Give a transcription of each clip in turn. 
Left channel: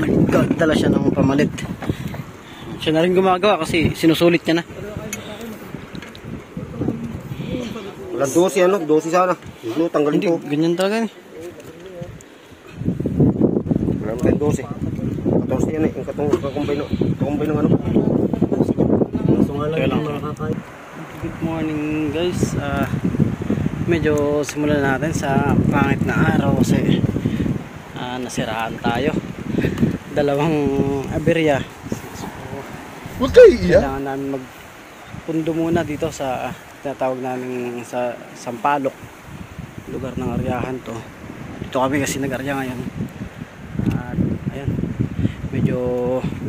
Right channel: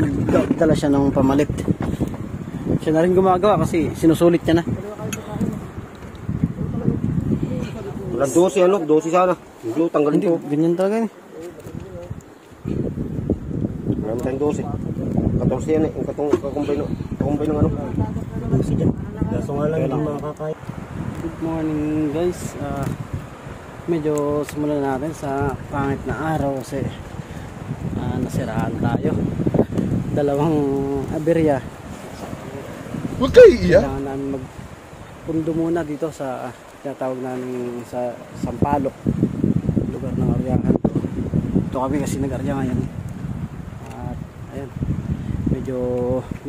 nagdala siya ng pamalit. Siya na rin gumagawa kasi sinusulit niya na. Wala 12 ano, 12 sana. Hindi, tanggalin Hindi, to. ganyan talaga eh. Wala naman 12. 14 yan eh, yung kakumbay ng ano. Kaso nga lang yung makakaya. Good morning guys. Medyo simulan natin sa pangit na araw kasi nasiraan tayo. Dalawang aberya. Huwag kayo iya. Kailangan namin magpundo muna dito sa tinatawag namin sa Sampaloc, lugar ng aryahan to. Dito kami kasi nag-arya ngayon. At ayan, medyo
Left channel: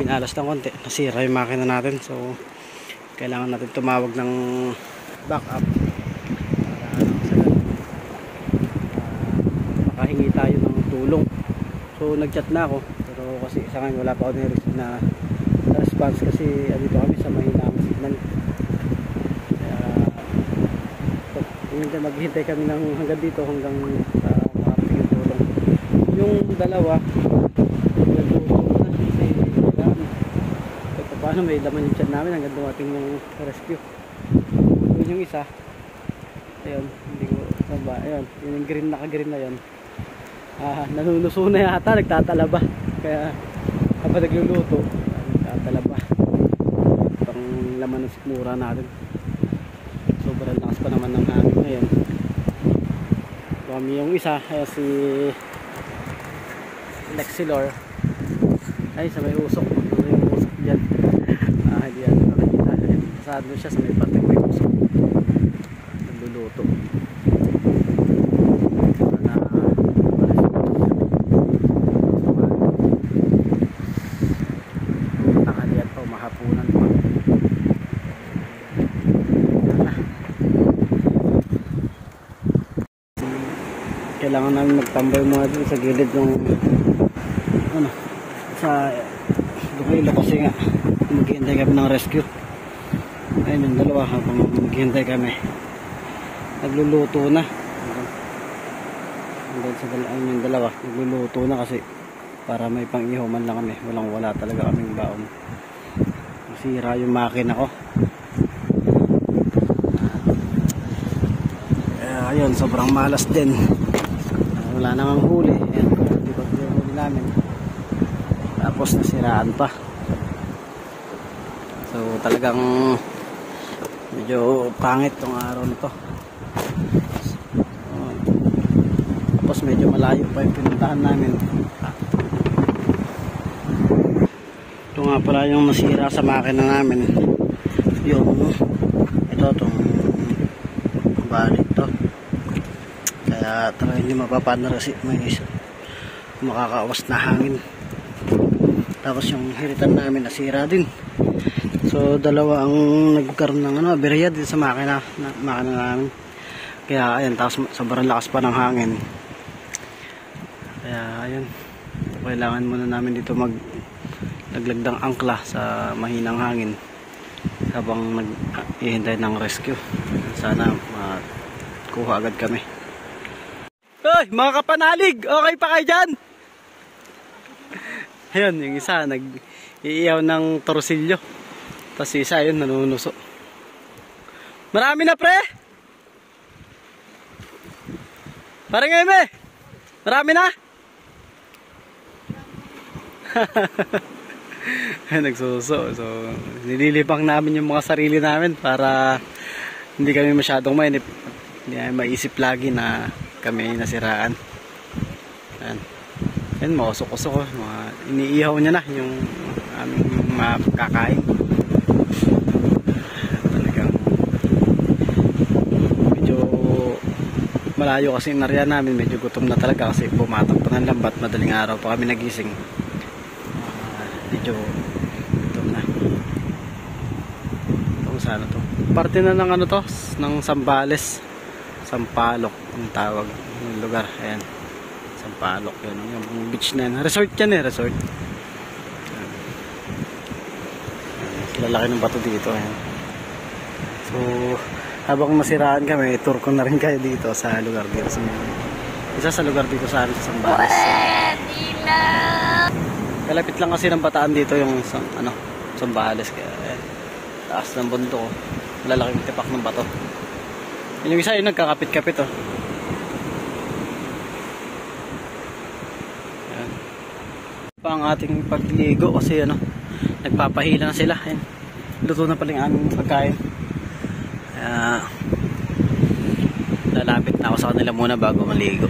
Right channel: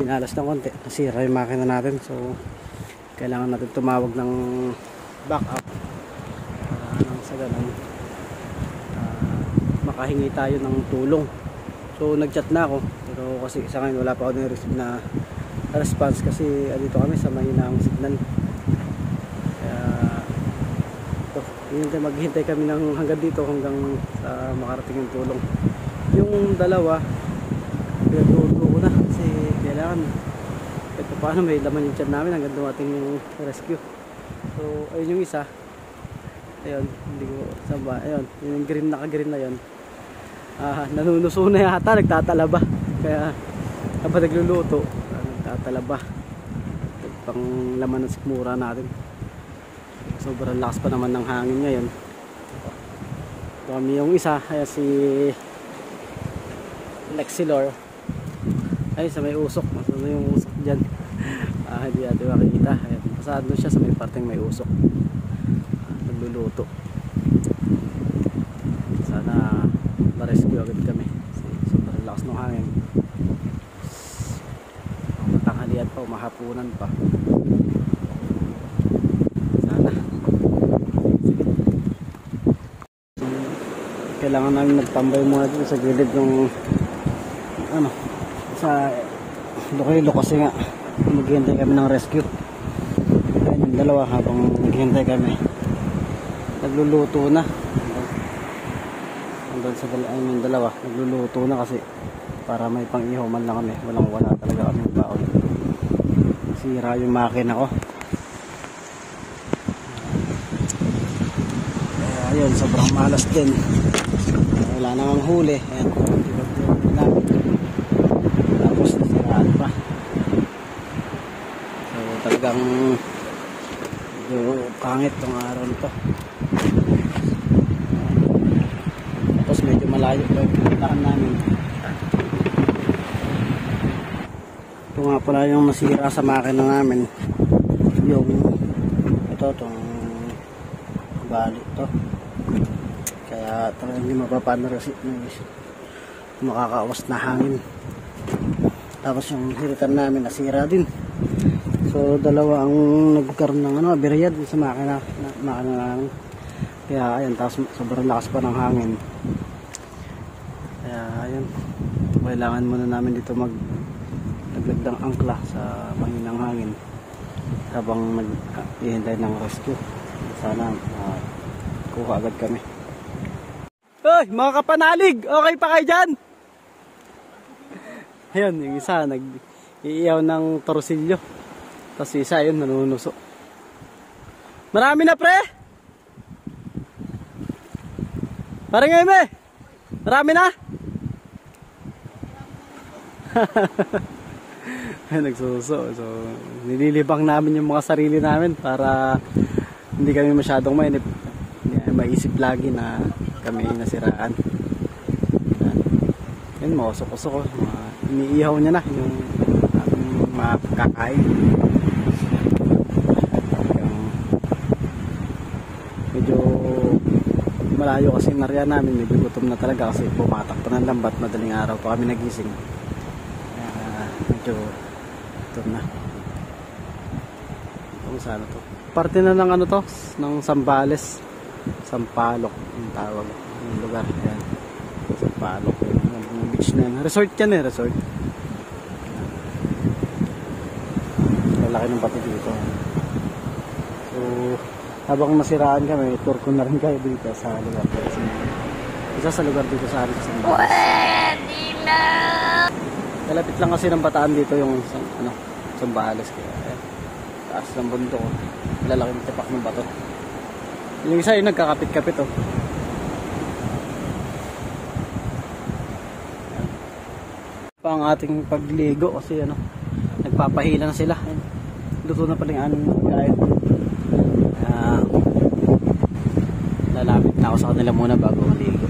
binalas ng konti, nasira yung makina natin, so kailangan natin tumawag ng backup para sa ganun makahingi tayo ng tulong. So nag-chat na ako, pero kasi sa ngayon wala pa ako na-receive na response kasi dito kami sa mahinang signal. Kaya maghihintay kami ng hanggang dito hanggang sa makarating yung tulong. Yung dalawa pinagluto ko na kasi kailangan kahit paano may laman yung tiyan namin hanggang dumating yung rescue. So ayun yung isa, ayun, hindi ko saba, ayun, yung green, naka-green na yun, nanunuso na yata, nagtatalaba. Kaya habang nagluluto nagtatalaba pang laman ng sikmura natin. Sobrang lakas pa naman ng hangin ngayon. Kami yung isa ay si Lexilor ay sa may usok. Ano yung usok dyan? Hindi natin makikita. Pasado siya sa may parteng may usok. Nagluluto. Sana ma-rescue kami. Sobrang lakas ng hangin. Ang tanghalian pa, umahapunan pa. Kailangan namin magtambay muna dito sa gilid yung ano, sa Iloilo kasi nga maghihintay kami ng rescue. Ayun yung dalawa, habang maghihintay kami nagluluto na. Hanggang sa yung dalawa nagluluto na kasi para may pang-ihaw man lang kami. Wala talaga kaming baon. Masira yung makina ko. Ayun, sobrang malas din. Wala nang huli. Ayan, konti-konti yung huli namin. Tapos nasiraan pa. So talagang medyo pangit tong araw nito. Tapos medyo malayo pa yung pinitaan namin. Ito nga pala yung nasira sa makina namin. Yung ito, itong balik to. Kaya talaga hindi mapapaandar kasi may makakawas na hangin. Tapos yung hiritan namin nasira din. So dalawa ang nagkaroon ng aberya din sa makina namin. Kaya ayan, tapos sobrang lakas pa ng hangin. Kaya ayan, kailangan muna namin dito naglaglag ng angkla sa mahinang hangin habang naghihintay ng rescue. Sana makuha agad kami. Hoy, mga kapanalig! Okay pa kayo dyan? Ayun, yung isa nag-iiyaw ng torsilyo. Tapos isa yun, nanunuso. Marami na, pre! Parang ngayon, eh! Marami na! Nagsuso. So, nililibang namin yung mga sarili namin para hindi kami masyadong mainip. Hindi maisip lagi na kami nasiraan. Yan, mausok-usok. Iniihaw niya na yung aming makakain. Talagang medyo malayo kasi yung area namin. Medyo gutom na talaga kasi bumatak pa ng lambat. Madaling araw pa kami nagising. Medyo gutom na. Kung saan to? Parte na ng ano to? Ng Zambales. Sampaloc ang tawag ng lugar. Ayan, Sampaloc yun, yung beach na yan. Resort yan eh, resort. Ayan. Lalaki ng bato dito. Ayan. So habang masiraan kami, tour ko na rin kayo dito sa lugar dito. Isa sa lugar dito sa amin sa Zambales. Kalapit lang kasi ng Bataan dito yung Zambales, kaya ayan, taas ng bundok, oh. Malalaking tipak ng bato. Yung isa yung nagkakapit-kapit, oh. Ayan. Pa ang ating pagligo kasi nagpapahila na sila. Ayan. Luto na pala yung aming pagkain. Lalapit na ako sa kanila muna bago maligo.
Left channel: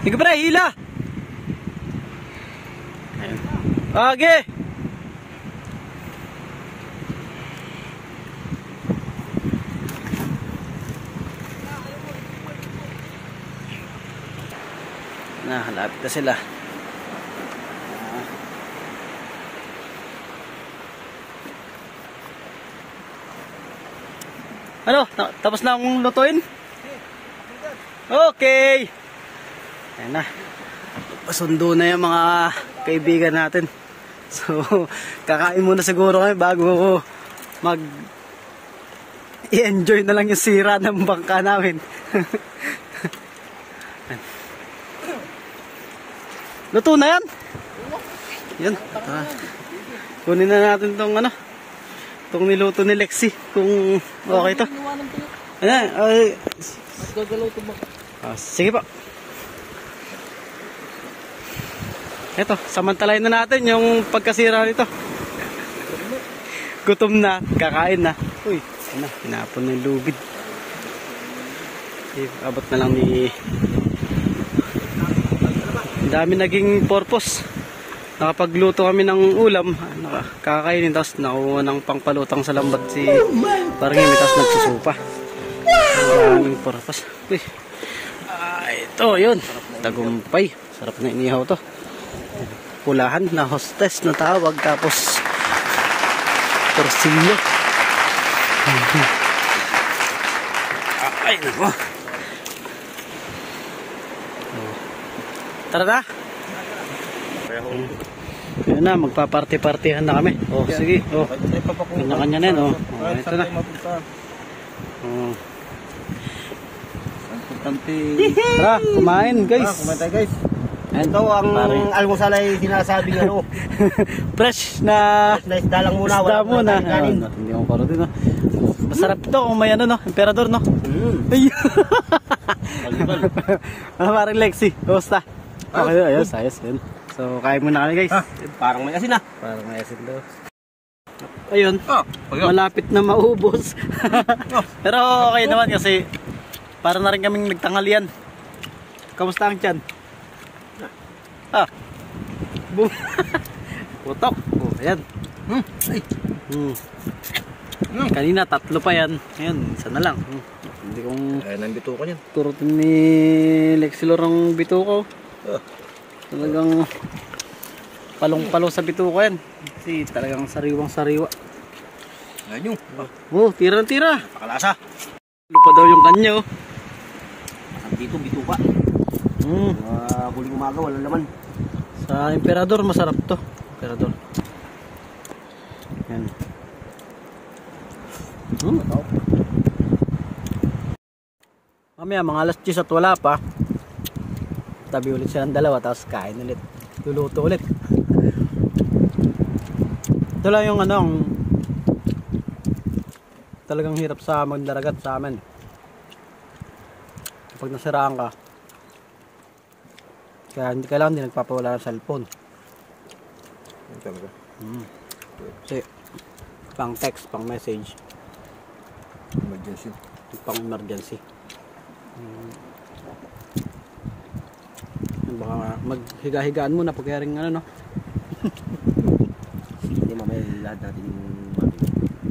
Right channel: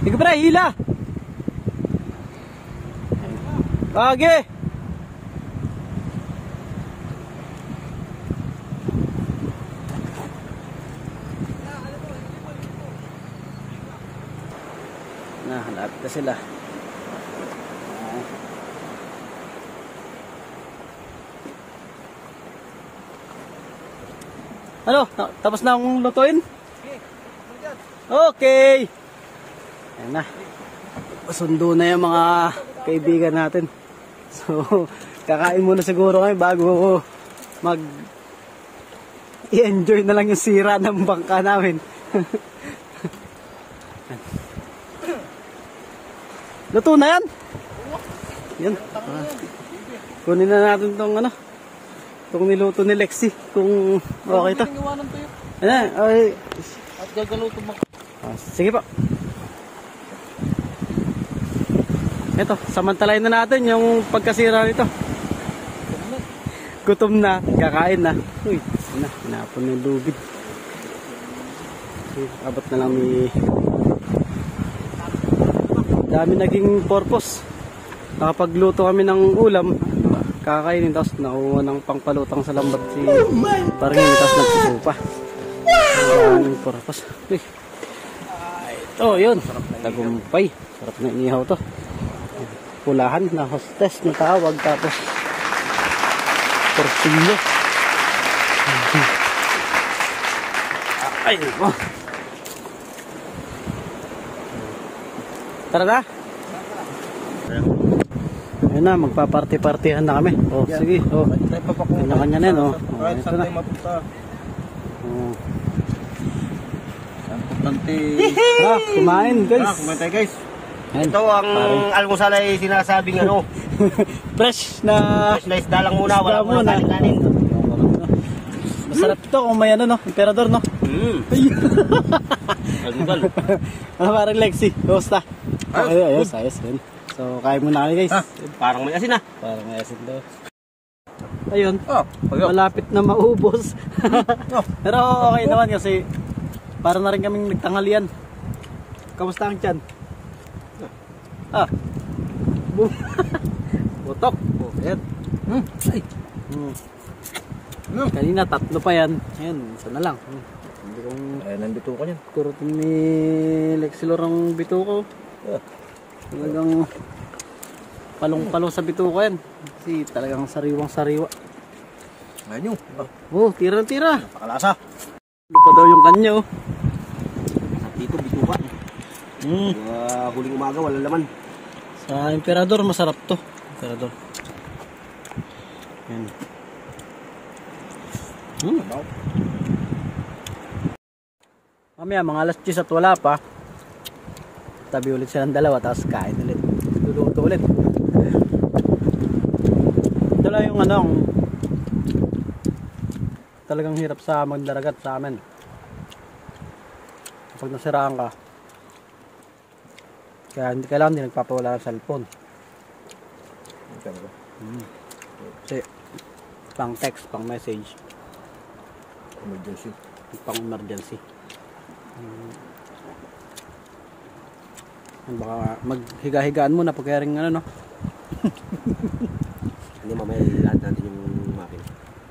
Hindi ka pa hila! Ayan. Okay! Halapit na sila. Tapos na akong lutuin? Okay! Ayan na. Pasundo na yung mga kaibigan natin. So, kakain muna siguro kami bago i-enjoy na lang yung sira ng bangka namin. Luto na yan? Yan. Kunin na natin itong niluto ni Lexi. Kung okay ito. Ay. At gagaluto mo. Sige po. Ito, samantalayin na natin yung pagkasira nito. Gutom na, kakain na. Uy, hinapon na yung lubid. Abot na lang ni... Dami naging purpose. Nakapagluto kami ng ulam, kakainin, tapos nakuha ng pangpalutang sa lambat si Parangin, tapos nagsusupa. Daming purpose. Uy. Ito, yun. Tagumpay. Sarap na inihaw to. Pulahan na hostess na tawag, tapos torsilyo. Ay, nako. Tara na. Ayan na, magpa-party-partihan na kami. Oh, sige. Oh. Kanya-kanya na yan, oh. Ito na. Oh. Tara, kumain, guys. Kumain tayo, guys. Ayan. Ito ang almusal ay sinasabing fresh na isda lang muna. Isda muna. Masarap ito kung may emperador, no? Parang Lexi, kumusta? Ayos. Yun. So, kain muna kami, guys. Parang may asin na. Parang may asin daw. Ayun. Malapit na maubos. Pero okay naman kasi para na rin kaming nagtanghalian. Kamusta ang tiyan? Putok. Oh, ayan. Ay. Kanina 3 pa yan. Ngayon, isa na lang. Hindi kong... Ayan ang bituko niyan. Kurot ni Lexilor ang bituko. Talagang palong-palo sa bituko yan. Kasi talagang sariwang-sariwa. Ayan yun. Oh, tira-tira. Napakalasa. Lupa daw yung kanyo. Dito, bituka. Huling umaga, wala laman. Sa emperador, masarap to. Emperador. Yan. Mamaya, mga alas 10 at wala pa. Tabi ulit silang dalawa, tapos kain ulit. Luluto ulit. Ito lang yung talagang hirap sa magdaragat sa amin. Kapag nasiraan ka, kaya hindi kailangan din nagpapawala ng cellphone. Kasi pang text, pang message, Emergency. pang emergency. Baka maghiga-higaan muna pag kaya rin Hindi mamaya lahat natin yung matin.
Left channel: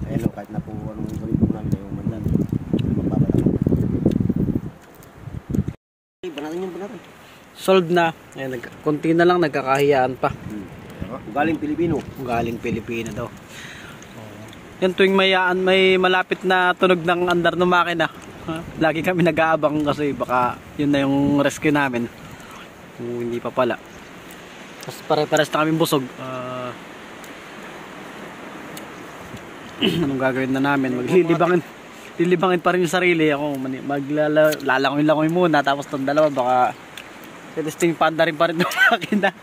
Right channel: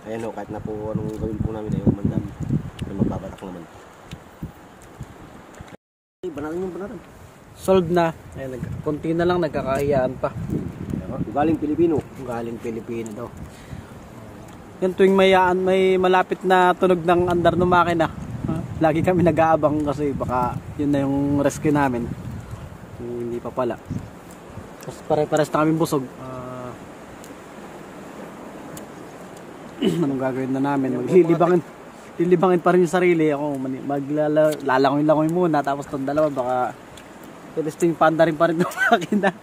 Ayan o, kahit na po anong gawin po namin ayun mandan. May magbabato na. Banatan yung banatan. Solved na. Ayan, konti na lang, nagkakahiyaan pa. Galing Pilipino. Galing Pilipino daw. Yan, tuwing may malapit na tunog ng andar ng makina, lagi kami nag-aabang kasi baka yun na yung rescue namin. Hindi pa pala. Tapos pare-pares na kami busog. Anong gagawin na namin? Lilibangin pa rin yung sarili. Ako maglalangoy muna, tapos tong dalawa baka Ito yung panda rin pa rin ng akin na.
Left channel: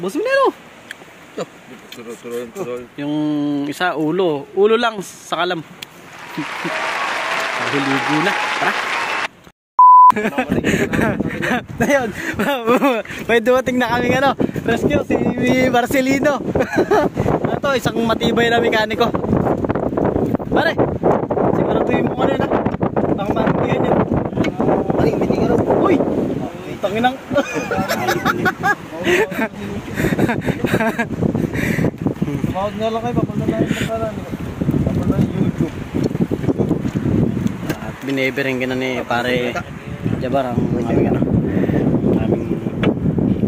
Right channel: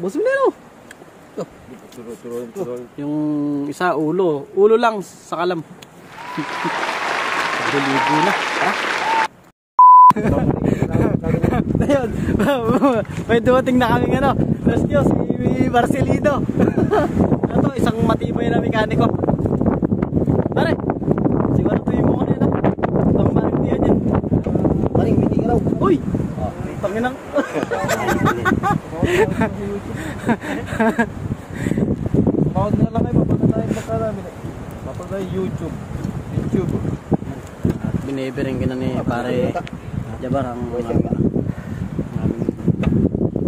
Boss mo na yun. Yung isa ulo. Ulo lang sa kalam. Ligo na. Tara. Ayun. May dumating na kaming ano. Rescue si Marcelino. Ito isang matibay na mekaniko. Pare. Siguro tuloy mo kanina. Ang mantiyan niya. Pare, hindi ka raw. Uy. Tanginang. Tumawag na lang kayo, papunta tayo sa kanan. Papunta tayo YouTube. At binibiring ka na ni pare Jabar ang aming ano.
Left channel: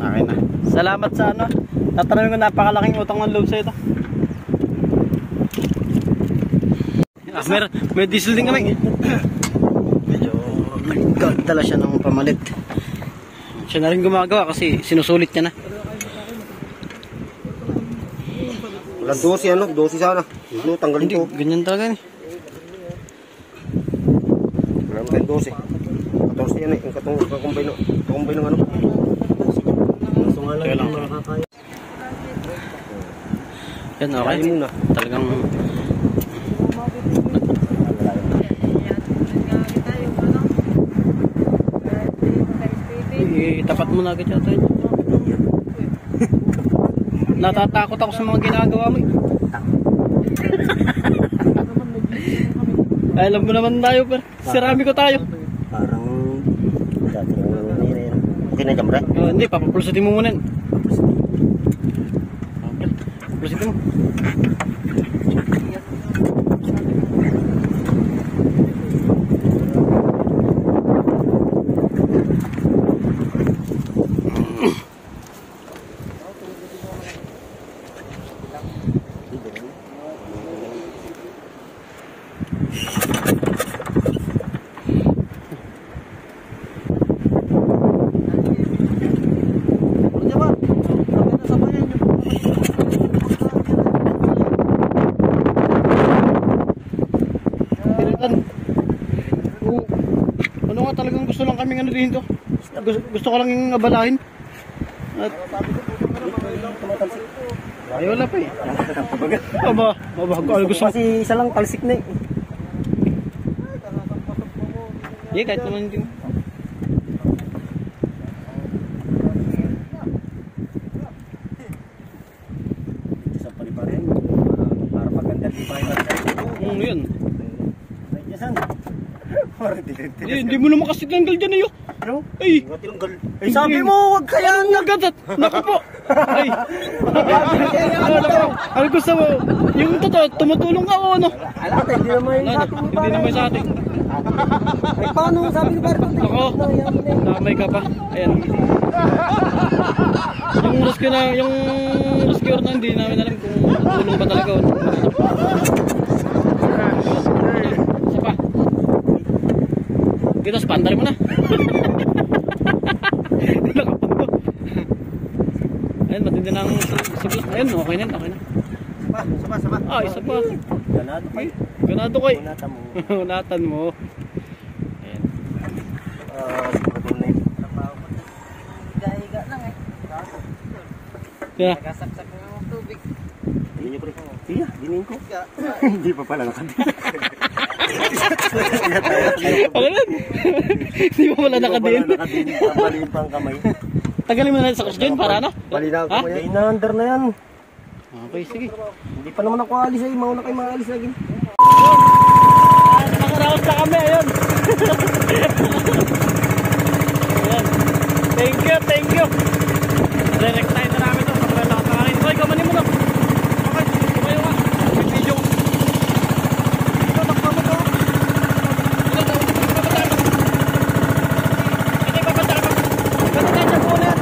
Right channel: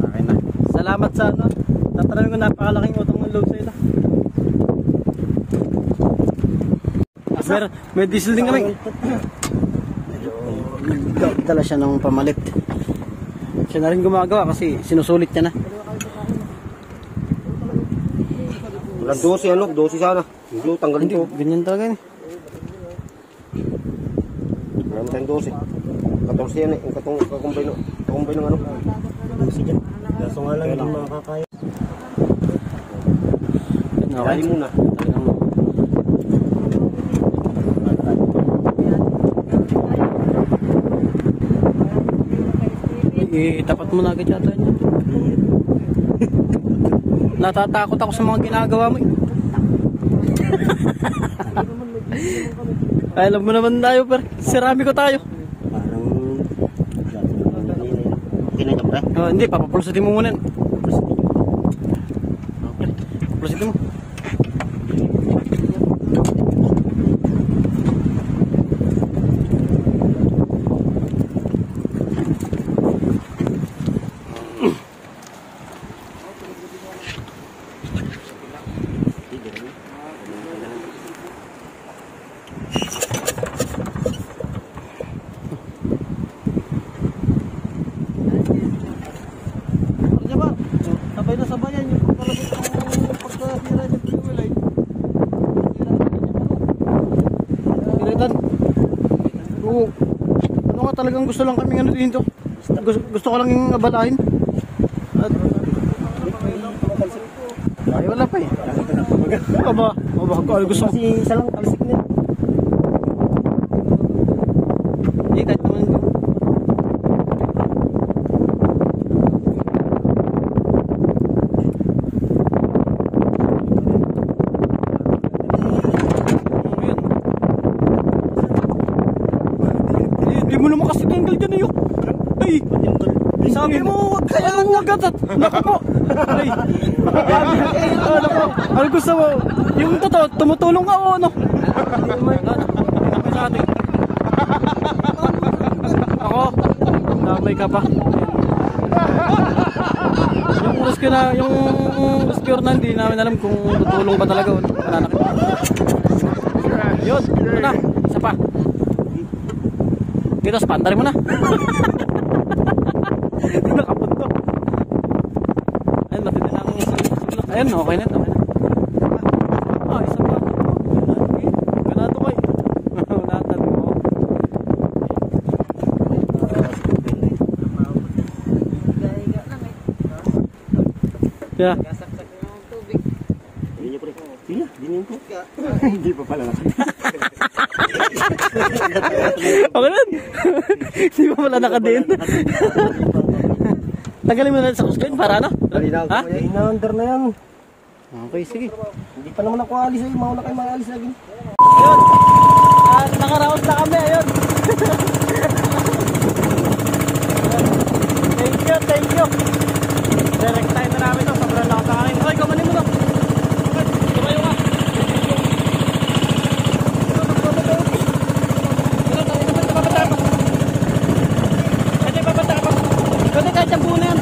Akin na. Salamat sa ano. Tatanungin ko napakalaking utang ng loob sa ito. May diesel din kami. Medyo nagdala siya ng pamalit. Siya na rin gumagawa kasi sinusulit niya na. Wala 12 ano, 12 sana. Hindi, tanggalin Hindi, ko. ganyan talaga ni. Wala naman 12. 14 yan eh, yung kakumbay ng ano. 12 yan. Kaso nga lang yung makakaya. Yan okay. Talagang tapat mo na agad yata yun. Natatakot ako sa mga ginagawa mo. Ay, alam mo naman tayo, pero sirami ko tayo. Parang okay na dyan, pre? Hindi, papapulsutin mo muna. Pulsutin mo. Ano nga talagang gusto lang kaming ano dito. Gusto ko lang yung abalahin. At ay wala pa eh. Gusto kasi isa lang talsik na eh. Hindi, kahit naman hindi. Yun. Hindi mo naman kasi tanggal dyan eh. Ay! Sabi mo, wag kaya nga gatat. Naku po. Ay. Ay gusto mo. Yung totoo, tumutulong ka o ano? Hindi naman sa atin. paano sabi ba? Ako? Damay ka pa. Ayan. Yung rescuer na hindi namin alam kung tutulong ba talaga o mananap. Yun. Ano na? Isa pa. Dito, spandarin mo na. Nakapunto. Ayun, matindi na ang sigla. Ayun, okay na. Okay na. Ah, isa pa. Ganado ko eh. Unatan mo. Yeah. Iya, dinin ko. Hindi pa pala nakadin. Ako nun. Hindi pa pala nakadin. Tagalin mo na sa question para ano? Malinaw ko yan. Ina-under na yan. Okay, sige. Hindi pa naman ako alis eh. Mauna kayo maalis lagi. At nakaraos na kami, ayun. Ayun. Thank you. Re-rectine na namin to. Sobrang lakas na kanin. Hoy, kamanin mo na. Tumayo ka. Video. Pwede babata ako. Pwede kahit ang puno yan.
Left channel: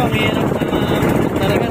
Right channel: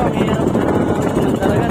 mahirap na talaga.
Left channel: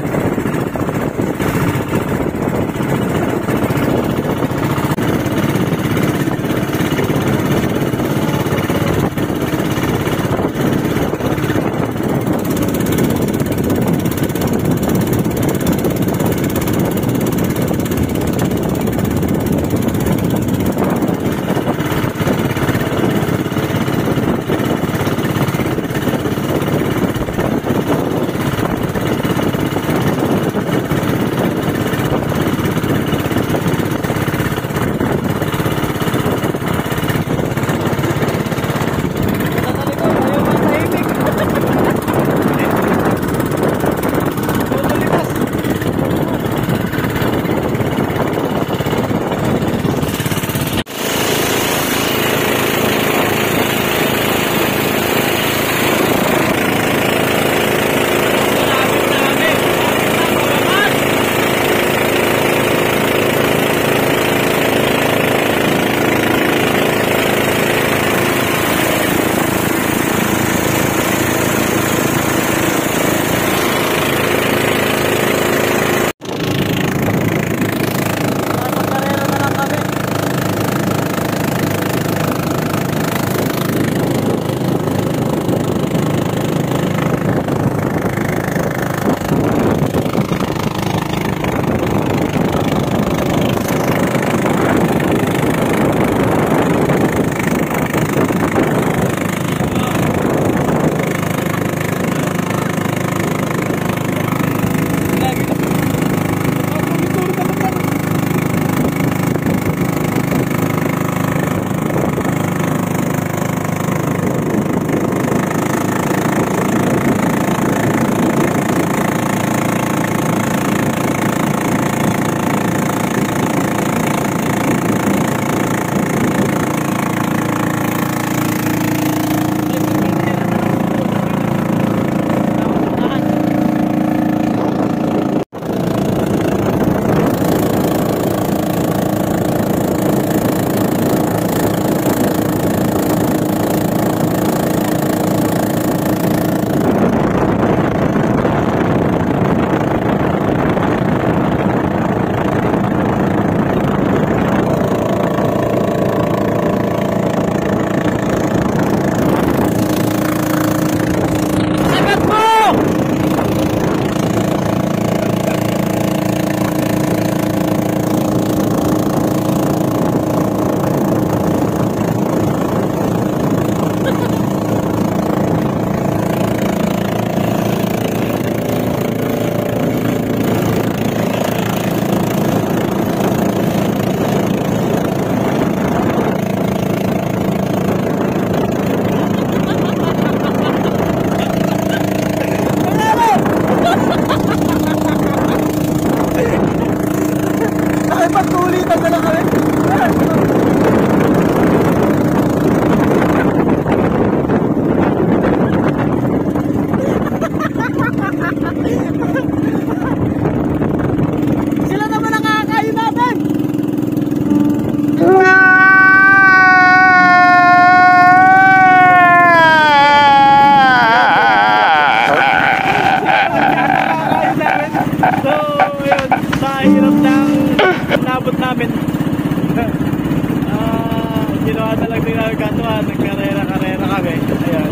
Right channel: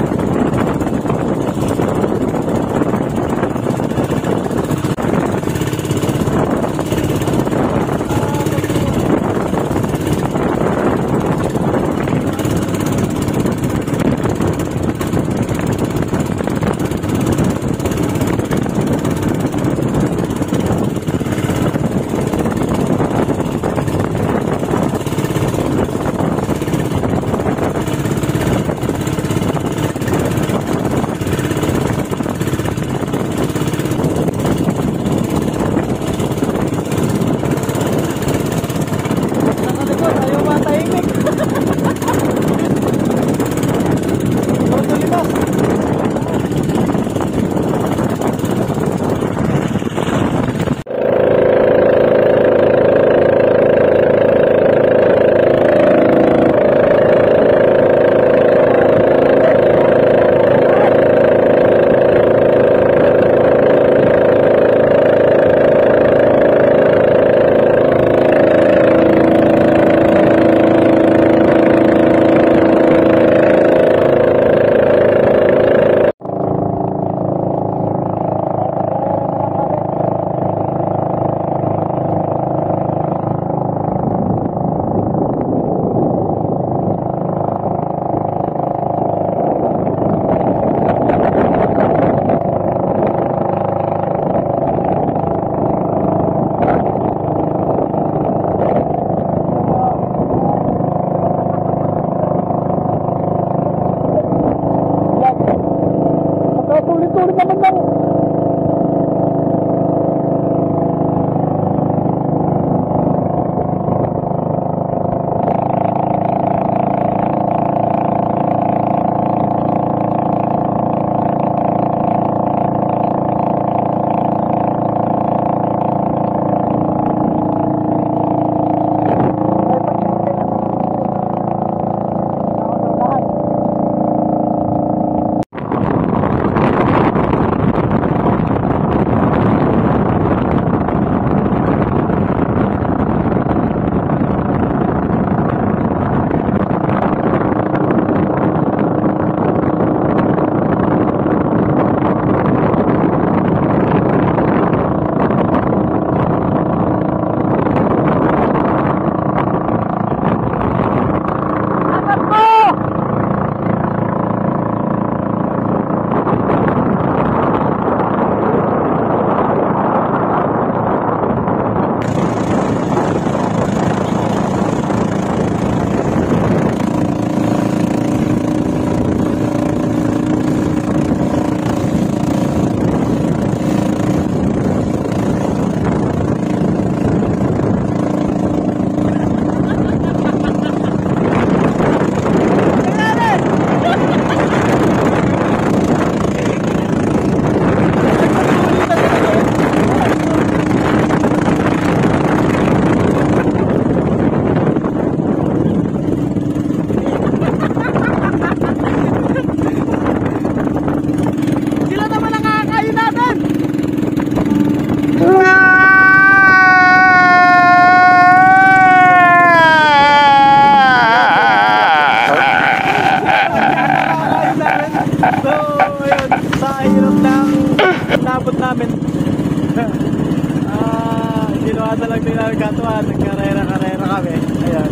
Ginawa na lang din namin katuan, nagkarera-karera kami. Ayan.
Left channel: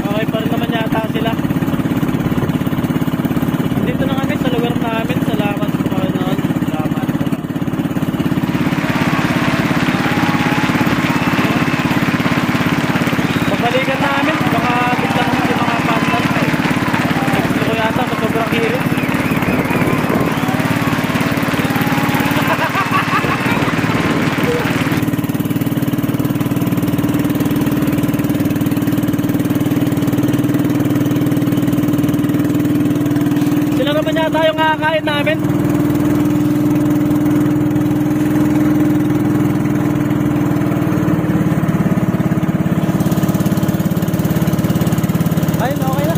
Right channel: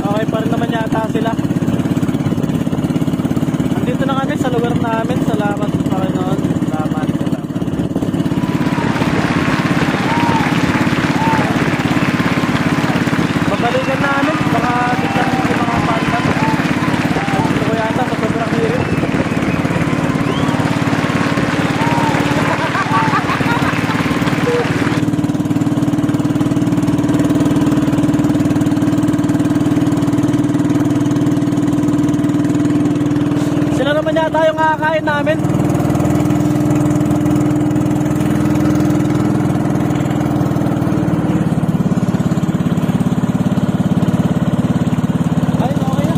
Okay pa rin naman yata sila. Andito na kami sa lugar namin. Salamat sa Panginoon. Salamat. Babalikan namin. Baka biglang yung mga pandas. Nagsulo ko yata sa sobrang hirap. Naman yata yung kakain namin. Ayun, okay na.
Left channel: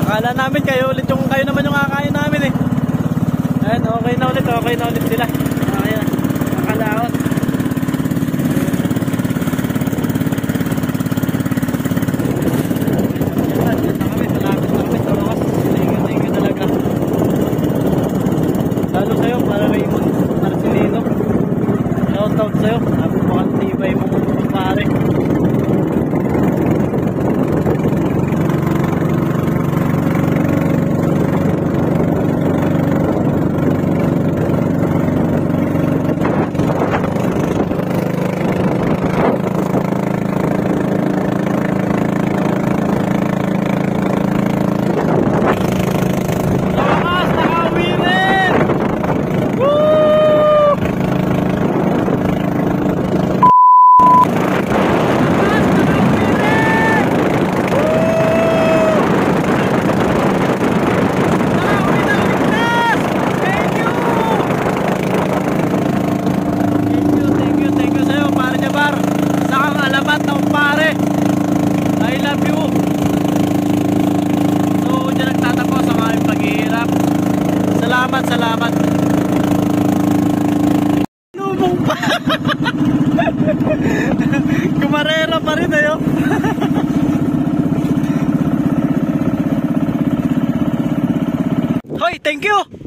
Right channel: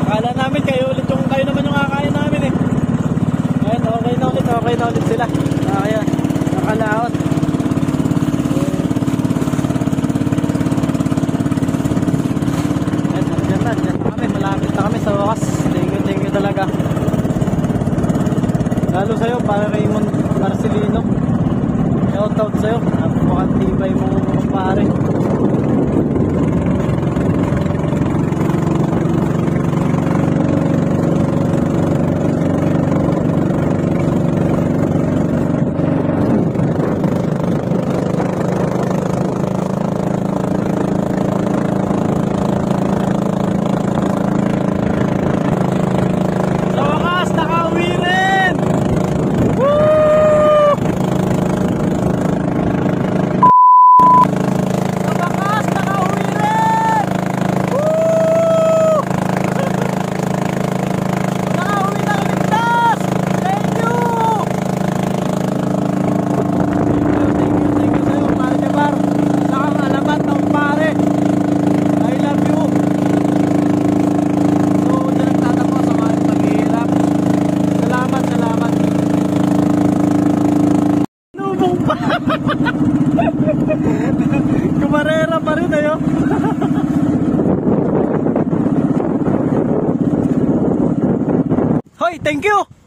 Akala namin kayo naman yung kakain namin eh. Ayun, okay na ulit sila. Okay na, nakalaot. pa rin ayo. Hoy, thank you.